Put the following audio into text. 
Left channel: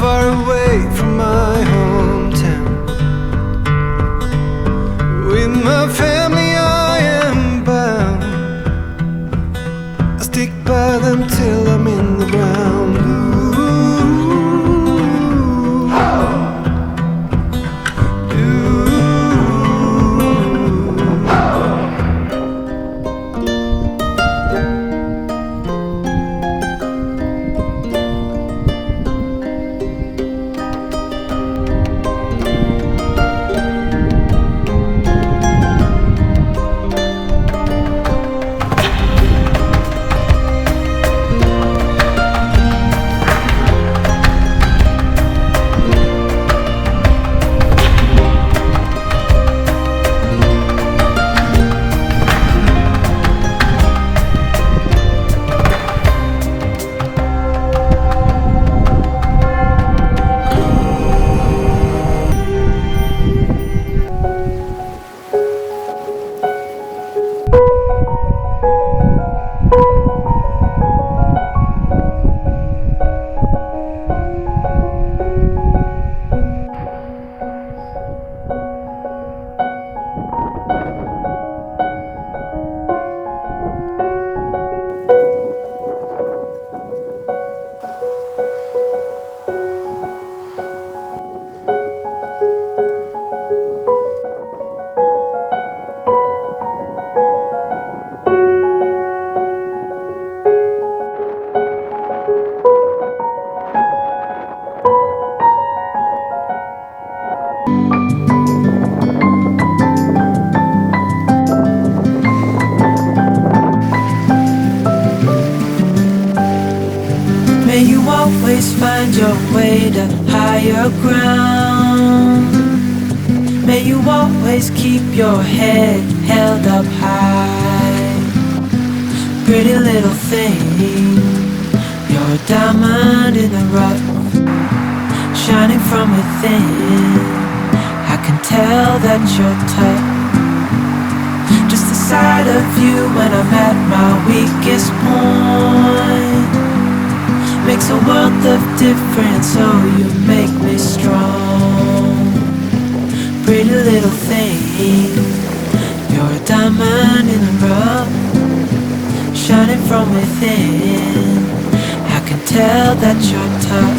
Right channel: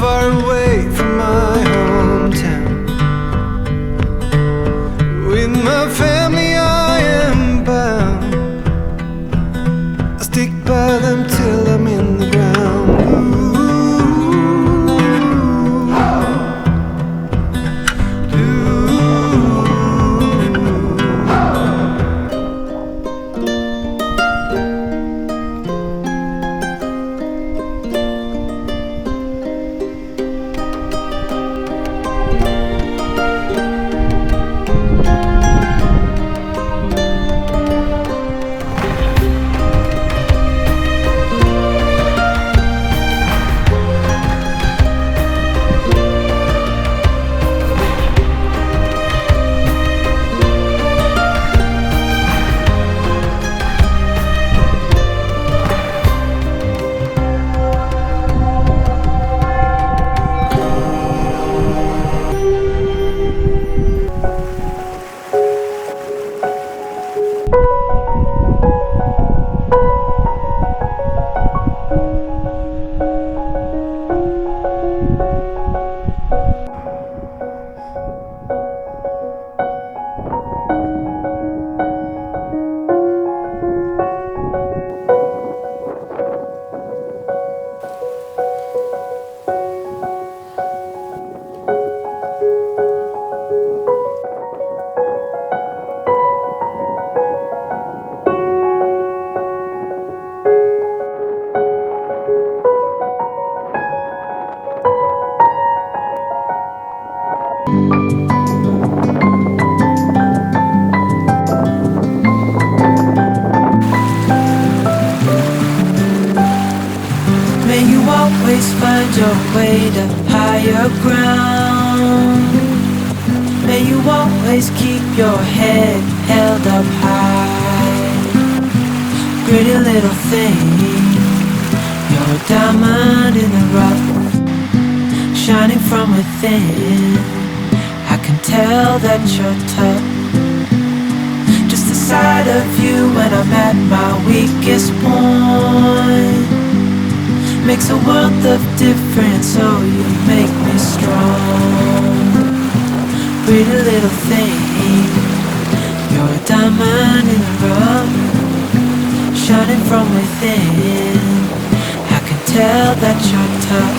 far away from my hometown. With my family I am bound. I stick by them till I'm in the ground. May you always find your way to higher ground. May you always keep your head held up high. Pretty little thing, you're a diamond in the rough, shining from within. I can tell that you're tough. Just the sight of you when I'm at my weakest point makes a world of difference, oh you make me strong. Pretty little thing, you're a diamond in the rough, shining from within. I can tell that you're tough.